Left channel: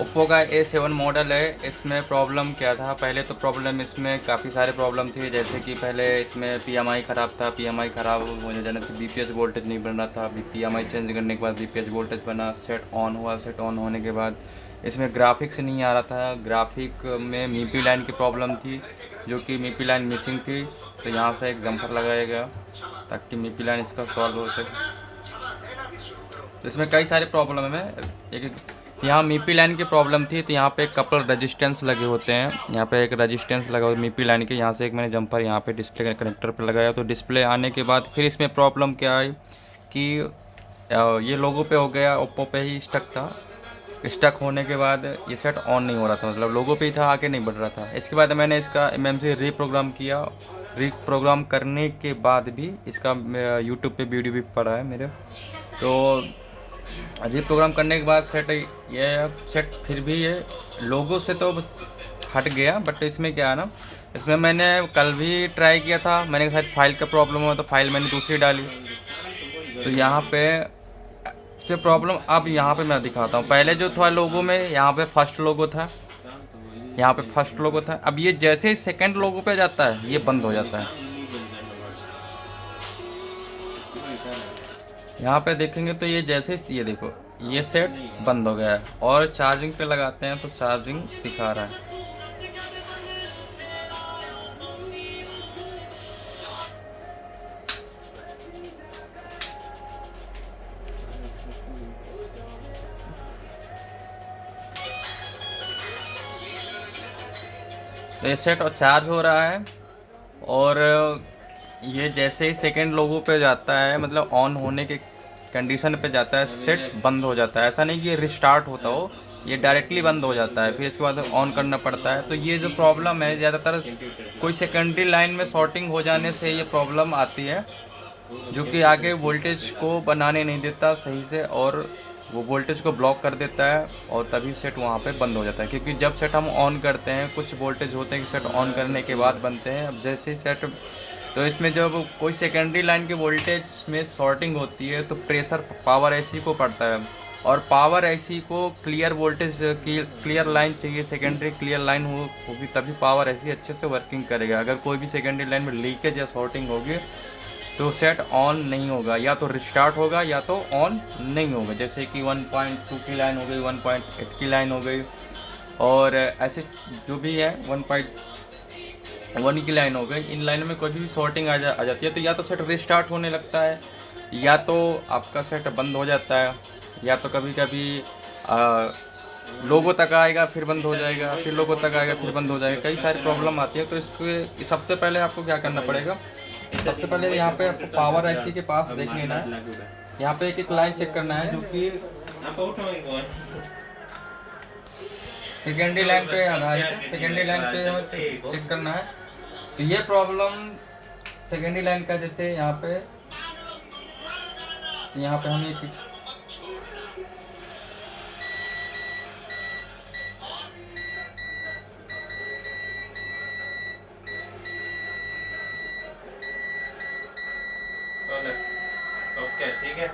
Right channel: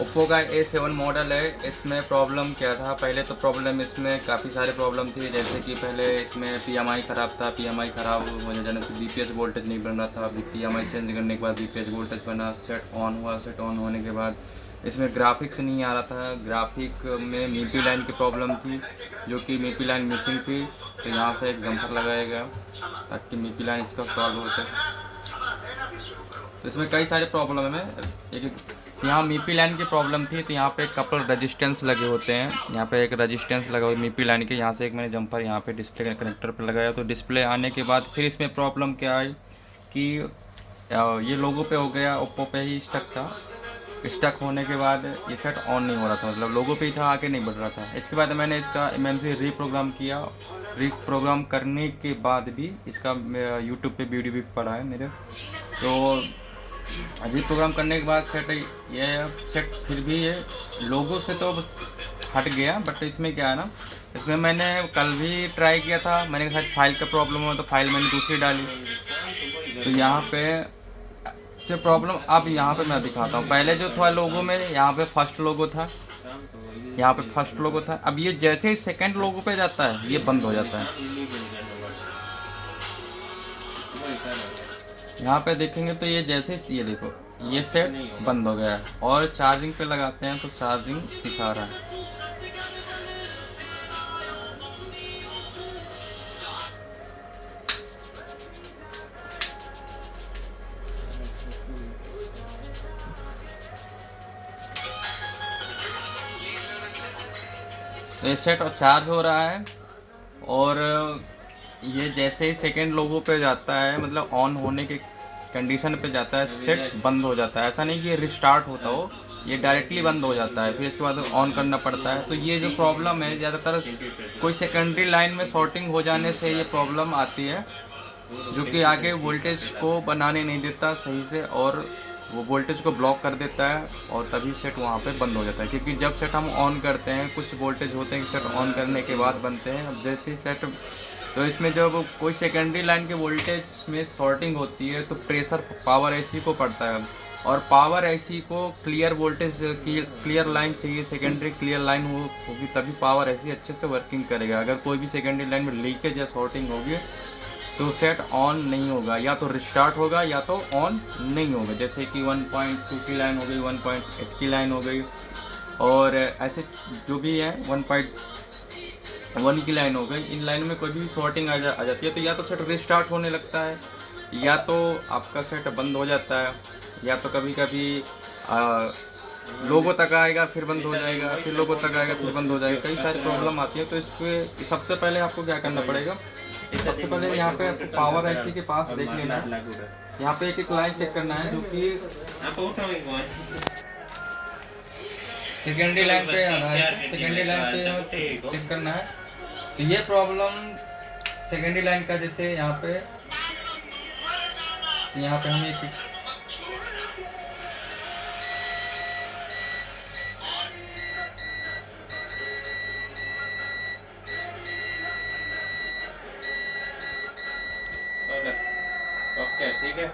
Oppo का A7 model है। इसमें प्रॉब्लम क्या था, पहले तो प्रॉब्लम इसमें काफ़ी सारे प्रॉब्लम थी, जैसे कि पहले इसमें PMI ख़राब था। PMI ख़राब होने जाने से BPS वोल्टेज नहीं बन रहा था। अभी PMI चेंज करने के बाद BPS वोल्टेज बना, सेट ऑन हुआ। सेट ऑन होने के बाद इसमें ग्राफिक्स नहीं आ रहा था। ग्राफिक में मीपी लाइन की प्रॉब्लम थी, जो कि मीपी लाइन मिसिंग थी। तो यहाँ से एक जम्पर लगाया गया ताकि मीपी लाइन इसका सॉल्व हो सके। तो इसमें कई सारे प्रॉब्लम है। एक यहाँ मीपी लाइन की प्रॉब्लम थी, तो यहाँ पे कपल रेजिस्टेंस लगे होते हैं। यहाँ पे एक रेजिस्टेंस लगा हुआ मीपी लाइन के, यहाँ से एक मैंने जंपर यहाँ पे डिस्प्ले कनेक्टर पे लगाया। तो डिस्प्ले आने के बाद फिर इसमें प्रॉब्लम क्या आई कि ये लोगो पे हो गया, ओप्पो पे ही स्टक था। स्टक होने के बाद ये सेट ऑन नहीं हो रहा था, मतलब लोगो पे ही था, आगे नहीं बढ़ रहा था। इसके बाद मैंने इसका MMC रीप्रोग्राम किया। रीप्रोग्राम करने के बाद भी इसका यूट्यूब पे वीडियो भी पड़ा है मेरे। तो रीप्रोग्राम करने के बाद सेट फिर भी ये लोगो से तो हट गया, बट इसमें क्या है ना, इसमें मैंने कल भी ट्राई किया था। मैंने शायद फाइल का प्रॉब्लम हुआ, तो फाइल मैंने दूसरी डाली। तो यहाँ पे इसके प्रॉब्लम अब यहाँ पे मैं दिखाता हूँ। पहले जो था लोगो में, यहाँ पे फर्स्ट लोगो था, यहाँ पे फर्स्ट लोगो था। अब ये जैसे ही सेकंड लोगो पे जाता है ये बंद हो जाता है। यहाँ पे देखेंगे तो ये जैसे ये देखो, ये सेट बंद हो गया है। और चार्जिंग पे लगाते हैं तो चार्जिंग दिखा रहा है। तो ये सेट और चार्ज हो रहा है, और ये जैसे ही सेकंड लोगो पे जाता है, मतलब ऑन होने के कंडीशन पे जाता है, सेट बंद हो जाता है। ऐसा नहीं कि ये रिस्टार्ट होता हो, ये डायरेक्टली बंद हो जाता है, फिर इसके बाद ऑन करना पड़ता है। तो ये जो प्रॉब्लम है, ज़्यादातर कोई सेकेंडरी लाइन में शॉर्टिंग हो जाने से ये प्रॉब्लम आती है, जो कि आगे वोल्टेज को बनाने नहीं देता सही से, और वो वोल्टेज को ब्लॉक कर देता है, और तभी सेट वहाँ पे बंद हो जाता है। क्योंकि जब सेट हम ऑन करते हैं, कुछ वोल्टेज होते हैं कि सेट ऑन करने के बाद बनते हैं। अब जैसे ही सेट, तो इसमें जब कोई सेकेंडरी लाइन के वोल्टेज में शॉर्टिंग होती है, तो प्रेशर पावर एसी को पड़ता है, और पावर एसी को क्लियर वोल्टेज की क्लियर लाइन चाहिए, सेकेंडरी क्लियर लाइन होगी तभी पावर एसी अच्छे से वर्किंग करेगा। अगर कोई भी सेकेंडरी लाइन में लीकेज या शॉर्टिंग होगी तो सेट ऑन नहीं होगा, या तो रिस्टार्ट होगा या तो ऑन नहीं होगा। जैसे कि 1.2 की लाइन हो गई, 1.8 की लाइन हो गई, और ऐसे जो भी है 1.1 की लाइन हो गई। इन लाइनों में कोई भी शॉर्टिंग आ जाती है, तो या तो सेट रिस्टार्ट होने लगता है, या तो आपका सेट बंद हो जाता है, या तो कभी कभी लोगो तक आएगा फिर बंद हो जाएगा, फिर लोगो तक आएगा फिर बंद हो जाएगा। कई सारी प्रॉब्लम आती है। तो इसके सबसे पहले आपको क्या करना पड़ेगा, सबसे पहले यहाँ पे आपको पावर आईसी के पास देख लेना है। यहाँ पे एक एक लाइन चेक करना है, जो कि सेकेंडरी लाइन पे आधारित, सेकेंडरी लाइन पे चेक करना है। तो ये प्रॉब्लम सेकेंडरी लाइन का, जैसे यहाँ पे हमें ओके ठीक है।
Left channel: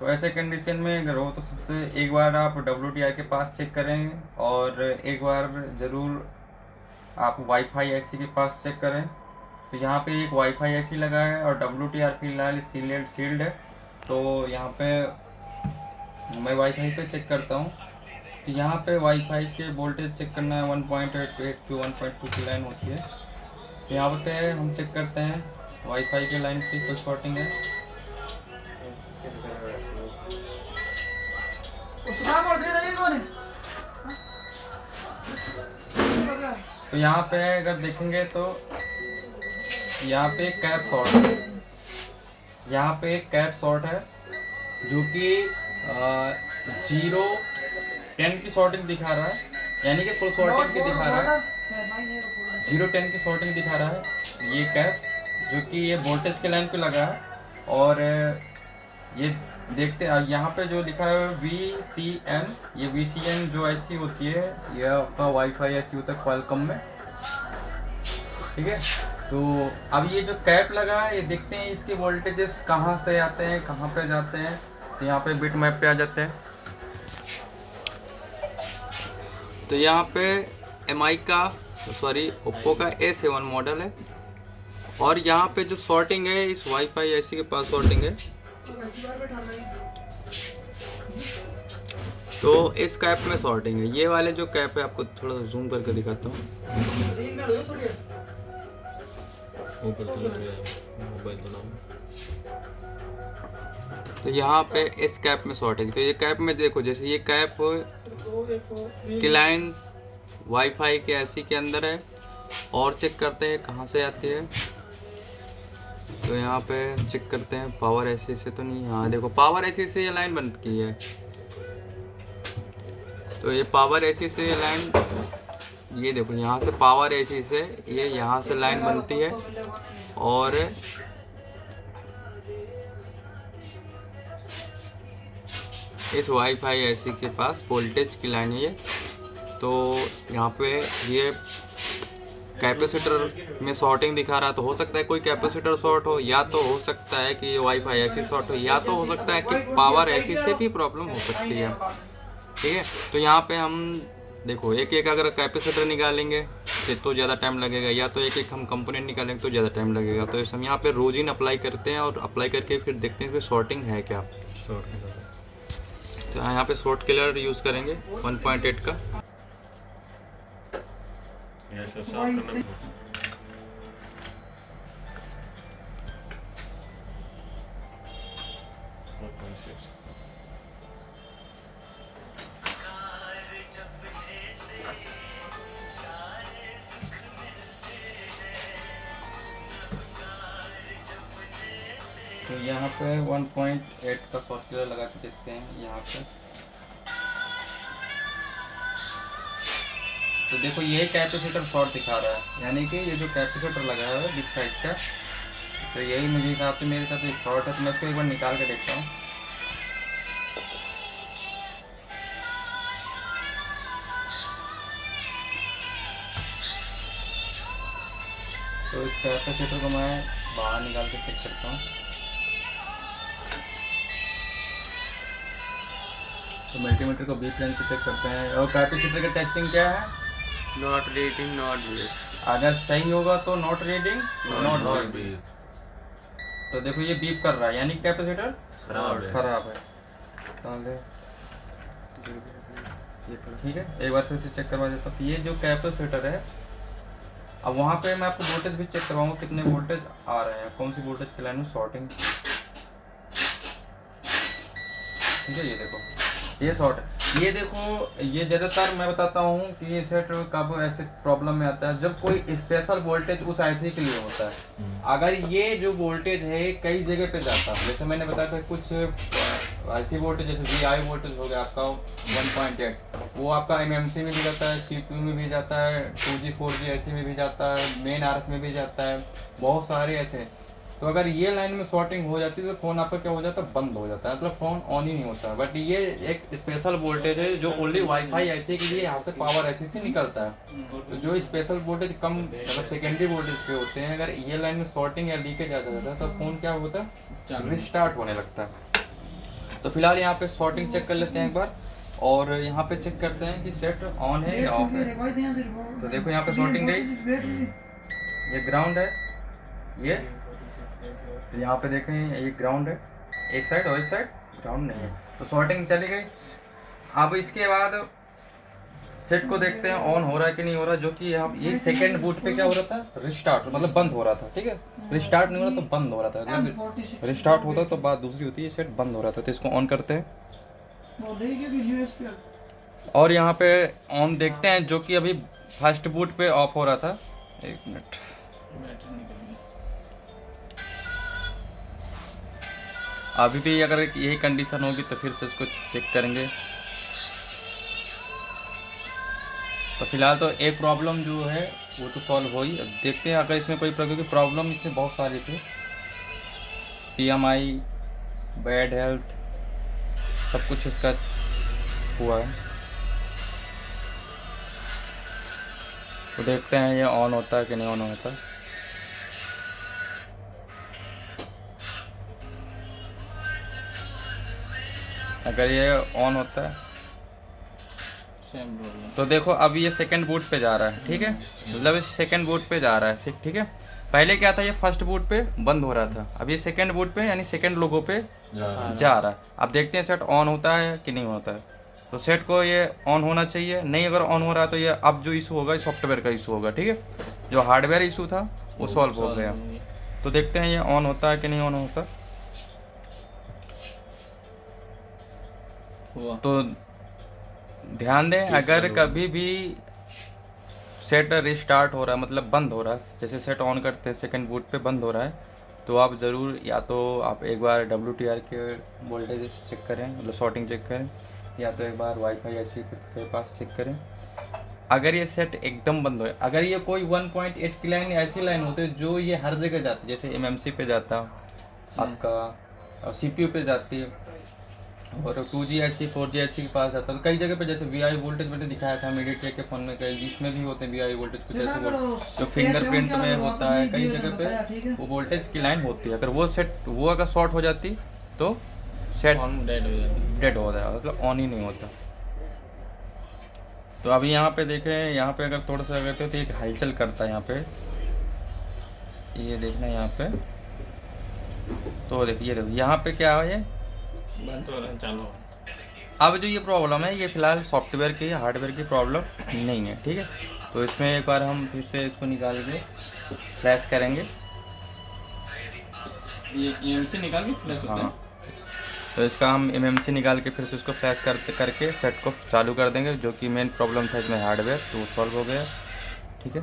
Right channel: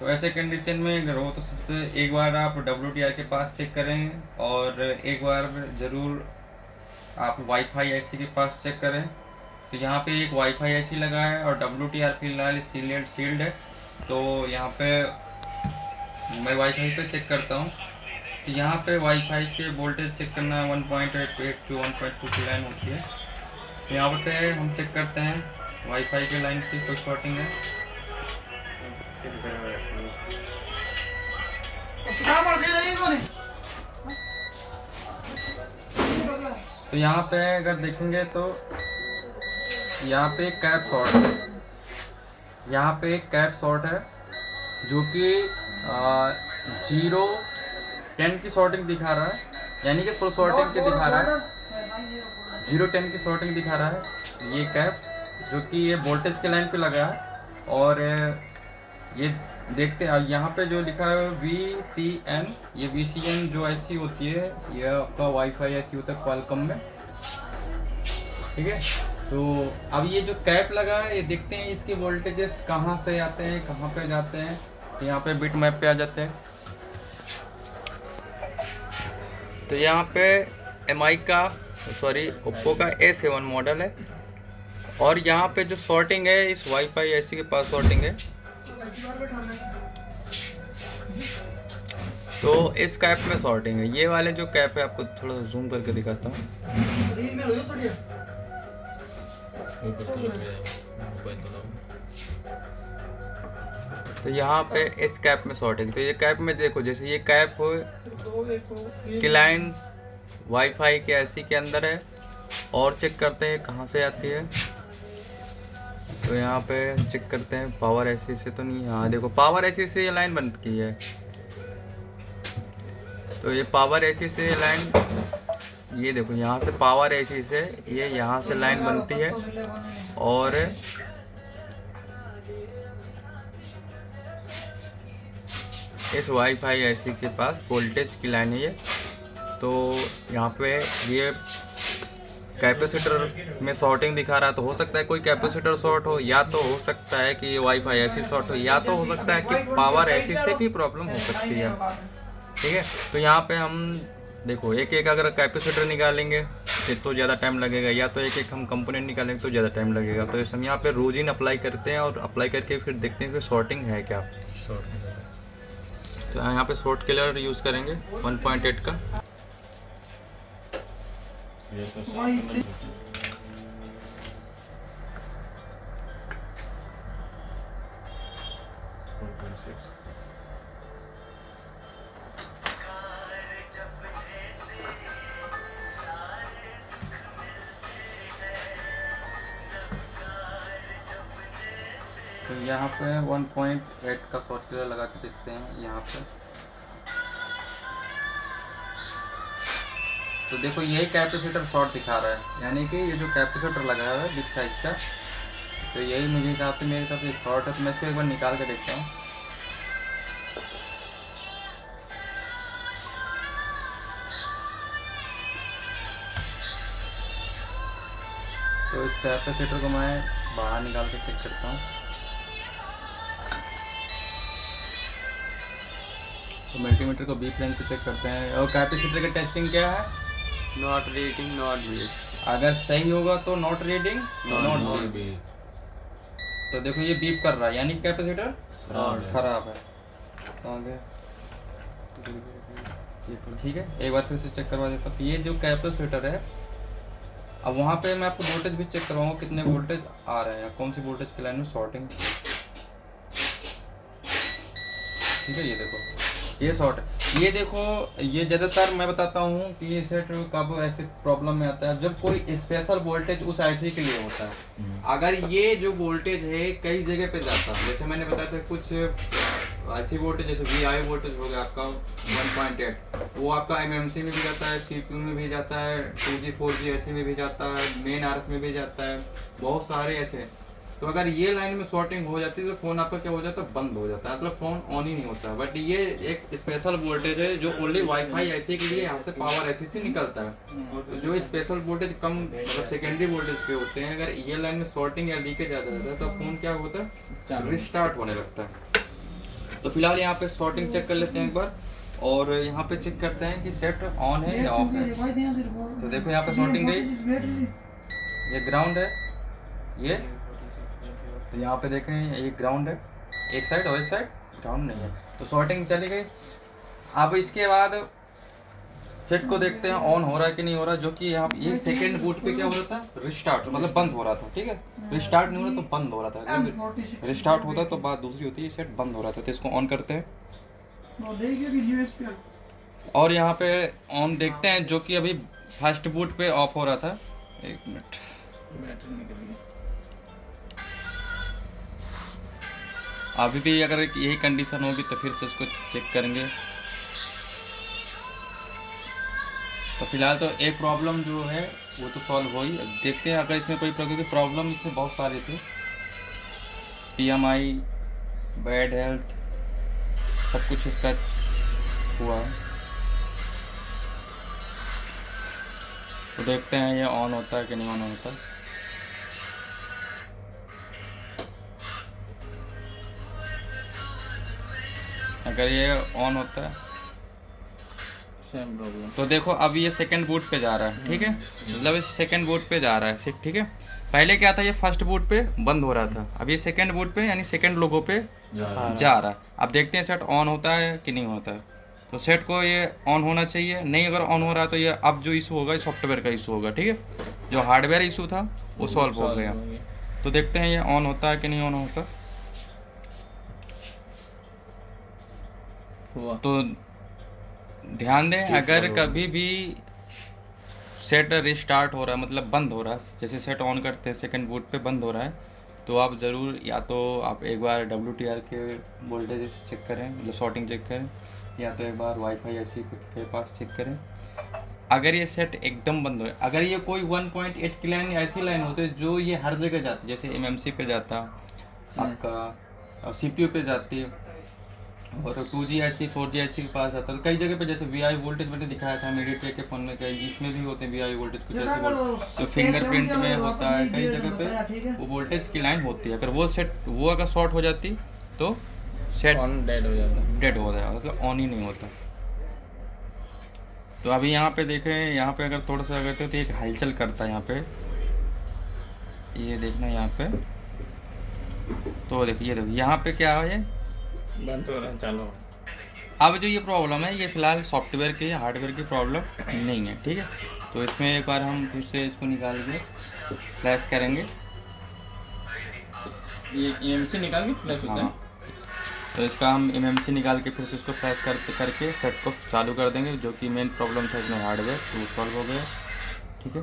तो ऐसे कंडीशन में अगर हो तो सबसे एक बार आप WTI के पास चेक करें, और एक बार ज़रूर आप वाईफाई आईसी के पास चेक करें। तो यहाँ पे एक वाईफाई आईसी लगा है, और WTI फिलहाल सील्ड है। तो यहाँ पे मैं वाईफाई पे चेक करता हूँ। तो यहाँ पे वाईफाई के वोल्टेज चेक करना है, 1.8 जो 1.2 की लाइन होती है। तो यहाँ पे हम चेक करते हैं वाईफाई के लाइन की कोई शॉर्टिंग है। तो यहाँ पे अगर देखेंगे तो यहाँ पे एक कैप शॉर्ट है, यहाँ पे एक कैप शॉर्ट है, जो कि 0-10 की शॉर्टिंग दिखा रहा है, यानी कि फुल शॉर्टिंग की दिखा रहा है। 0-10 की शॉर्टिंग दिखा रहा है ये कैप, जो कि ये वोल्टेज के लाइन पे लगा है। और ये देखते हैं यहाँ पे जो लिखा है VCN, ये VCN जो ऐसी होती है, ये आपका वाईफाई ऐसी होता है क्वालकॉम में, ठीक है। तो अब ये जो कैप लगा है ये देखते हैं इसके वोल्टेजेस कहाँ से आते हैं कहाँ पे जाते हैं। तो यहाँ पे बिट मैप पे आ जाते हैं। तो यहाँ पे MI का ओप्पो का A7 मॉडल है और यहाँ पे जो सॉर्टिंग है इस वाईफाई ऐसी के पास सॉर्टिंग है। तो इस कैप में सॉर्टिंग है। ये वाले जो कैप है आपको थोड़ा जूम करके दिखाता हूँ। तो यहाँ पे इस कैप में सॉर्टिंग। तो ये कैप में देखो जैसे ये कैप क्लाइंट वाईफाई के ऐसी के अंदर है और चेक करते हैं कहाँ से आती है। तो यहाँ पे चेक करते हैं पावर ऐसी से तो नहीं। हाँ देखो पावर ऐसी से ये लाइन बंद की है। तो ये पावर ऐसी से ये लाइन, ये देखो यहाँ से पावर ऐसी से ये यहाँ से लाइन बनती है और इस वाईफाई ऐसी के पास वोल्टेज की लाइन है ये। तो यहाँ पे ये कैपेसिटर में शॉर्टिंग दिखा रहा है। तो हो सकता है कोई कैपेसिटर शॉर्ट हो, या तो हो सकता है कि ये वाईफाई ऐसी शॉर्ट हो, या तो हो सकता है कि पावर ऐसी से भी प्रॉब्लम हो सकती है। ठीक है, तो यहाँ पे हम देखो एक एक अगर कैपेसिटर निकालेंगे तो ज़्यादा टाइम लगेगा, या तो एक एक हम कंपोनेंट निकालेंगे तो ज़्यादा टाइम लगेगा। तो इस हम यहाँ पे रोजिन अप्लाई करते हैं और अप्लाई करके फिर देखते हैं कि शॉर्टिंग है क्या। तो यहाँ पे शॉर्ट किलर यूज़ करेंगे 1.8 का। तो यहाँ पे 1.8 का सॉफ्टवेयर लगा के देखते हैं यहाँ पे। तो देखो यही कैपेसिटर शॉर्ट दिखा रहा है, यानी कि ये जो कैपेसिटर लगाया हुआ है बिग साइज का, तो यही मुझे हिसाब से मेरे साथ शॉर्ट है। तो मैं इसको एक बार निकाल के देखता हूँ। तो इस कैपेसिटर को मैं बाहर निकाल के चेक करता हूँ। तो मल्टीमीटर को बीप रेंज पे चेक करते हैं। और कैपेसिटर की टेस्टिंग क्या है? Not reading not beep. अगर सही होगा तो नॉट रीडिंग नॉट बीप। तो देखो ये बीप कर रहा है, यानी कैपेसिटर खराब है। तो आगे ठीक है, एक बार फिर से चेक करवा देता हूँ। ये जो कैपेसिटर है, अब वहाँ पे मैं आपको वोल्टेज भी चेक करवाऊंगा कितने वोल्टेज आ रहे हैं, कौन सी वोल्टेज की लाइन में शॉर्टिंग। ठीक है, ये देखो ये शॉर्ट है। ये देखो ये ज़्यादातर मैं बताता हूँ कि ये सेट कब ऐसे प्रॉब्लम में आता है जब कोई स्पेशल वोल्टेज उस आईसी के लिए होता है। अगर ये जो वोल्टेज है कई जगह पे जाता है, जैसे मैंने बताया था कुछ आईसी वोल्टेज जैसे VI वोल्टेज हो गया आपका 1.8, वो आपका MMC में भी जाता है, CPU में भी जाता है, 2G 4G ऐसे में भी जाता है, मेन RF में भी जाता है, बहुत सारे ऐसे। तो अगर ये लाइन में शॉर्टिंग हो जाती है तो फ़ोन आपका क्या हो जाता है, बंद हो जाता है, मतलब फ़ोन ऑन ही नहीं होता। बट ये एक स्पेशल वोल्टेज है जो ओनली वाईफाई ऐसे के लिए यहाँ से पावर ऐसे से निकलता है। तो जो स्पेशल वोल्टेज कम मतलब सेकेंडरी वोल्टेज पे होते हैं, अगर ये लाइन में शॉर्टिंग या लीकेज आता रहता है तो फ़ोन क्या होता है, रिस्टार्ट होने लगता है। तो फिलहाल यहाँ पे शॉर्टिंग चेक कर लेते हैं एक बार, और यहाँ पे चेक करते हैं कि सेट ऑन है या ऑफ है। तो देखो यहाँ पे शॉर्टिंग गई, ये ग्राउंड है ये। तो यहाँ पे देखें ये ग्राउंड है एक साइड और एक साइड ग्राउंड नहीं है। तो शॉर्टिंग चली गई। अब इसके बाद सेट को देखते हैं ऑन हो रहा है कि नहीं हो रहा, जो कि यहाँ ये सेकंड बूट पे क्या हो रहा था, रिस्टार्ट मतलब बंद हो रहा था। ठीक है, रिस्टार्ट नहीं हो रहा तो बंद हो रहा था, रिस्टार्ट होता तो बात दूसरी होती है, सेट बंद हो रहा था। तो इसको ऑन करते हैं और यहाँ पे ऑन देखते हैं, जो कि अभी फर्स्ट बूट पे ऑफ हो रहा था। एक मिनट, अभी भी अगर यही कंडीशन होगी तो फिर से इसको चेक करेंगे। तो फिलहाल तो एक प्रॉब्लम जो है वो तो सॉल्व हो ही, देखते हैं अगर इसमें कोई प्रॉब्लम, इसमें बहुत सारी थी, PMI, बैड हेल्थ, सब कुछ इसका हुआ है। तो देखते हैं ये ऑन होता है कि नहीं ऑन होता। अगर ये ऑन होता है सेम प्रॉब्लम। तो देखो अब ये सेकंड बूट पे जा रहा है, ठीक है, मतलब ये सेकंड बूट पे जा रहा है, ठीक है। पहले क्या था, ये फर्स्ट बूट पे बंद हो रहा था, अब ये सेकंड बूट पे यानी सेकंड लोगो पे जा रहा है। अब देखते हैं सेट ऑन होता है कि नहीं होता है। तो सेट को ये ऑन होना चाहिए, नहीं अगर ऑन हो रहा है तो ये अब जो इशू होगा ये सॉफ्टवेयर का इशू होगा, ठीक है। जो हार्डवेयर इशू था वो सॉल्व हो गया। तो देखते हैं ये ऑन होता है कि नहीं ऑन होता। हुआ। तो ध्यान दें, अगर कभी भी सेट रिस्टार्ट हो रहा है, मतलब बंद हो रहा है, जैसे सेट ऑन करते हैं सेकंड बूट पे बंद हो रहा है, तो आप ज़रूर या तो आप एक बार WTR के वोल्टेज चेक करें, मतलब शॉर्टिंग चेक करें, या तो एक बार वाईफाई ऐसी के पास चेक करें। अगर ये सेट एकदम बंद हो, अगर ये कोई 1.8 की लाइन ऐसी लाइन होती है जो ये हर जगह जाती है, जैसे MMC पे जाता आपका, CPU पे जाती है, और 2G IC 4G IC के पास आता है, तो कई जगह पे जैसे VI वोल्टेज मैंने दिखाया था मीडिएटेक के फोन में, कई इसमें भी होते हैं VI वोल्टेज कुछ ऐसे जो फिंगरप्रिंट में होता है, कई जगह पे वो वोल्टेज की लाइन होती है। अगर वो सेट वो अगर शॉर्ट हो जाती तो सेट ऑन डेड हो जाता है। डेड हो जाएगा, मतलब ऑन ही नहीं होता। तो अभी यहाँ पे देखें, यहाँ पे अगर थोड़ा सा करते तो एक हलचल करता है यहाँ पे, ये देखना यहाँ पे, तो देखिए यहाँ पे क्या है, बंद हो रहा है, चालू हो। अब जो ये प्रॉब्लम है ये फिलहाल सॉफ्टवेयर की हार्डवेयर की प्रॉब्लम नहीं है, ठीक है। तो इसमें एक बार हम फिर से इसको निकाल के फ्लैश करेंगे। ये EMC निकाल के फ्लैश होता है। हाँ, तो इसका हम MMC निकाल के फिर से उसको फ्लैश करके सेट को चालू कर देंगे, जो कि मेन प्रॉब्लम था इसमें हार्डवेयर, तो सॉल्व हो गया, ठीक है।